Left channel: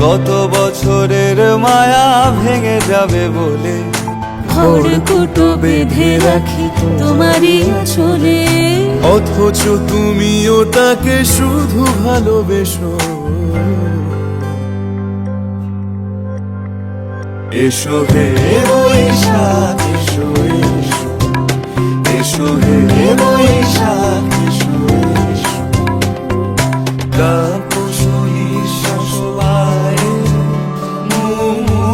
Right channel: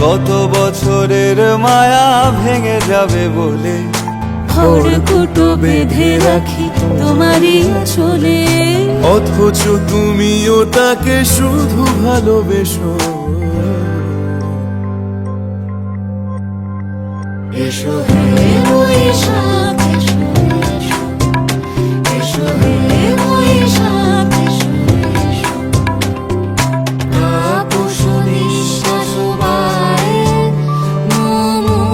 গত বছরের মায়া ভেঙে যাবে বলে বেঁধে রাখি তোমারই অথচ তুমিও তাকে শুধু ভালোবেসো। এসো হে বৈশাখ এসো এসো। এসো হে বৈশাখ।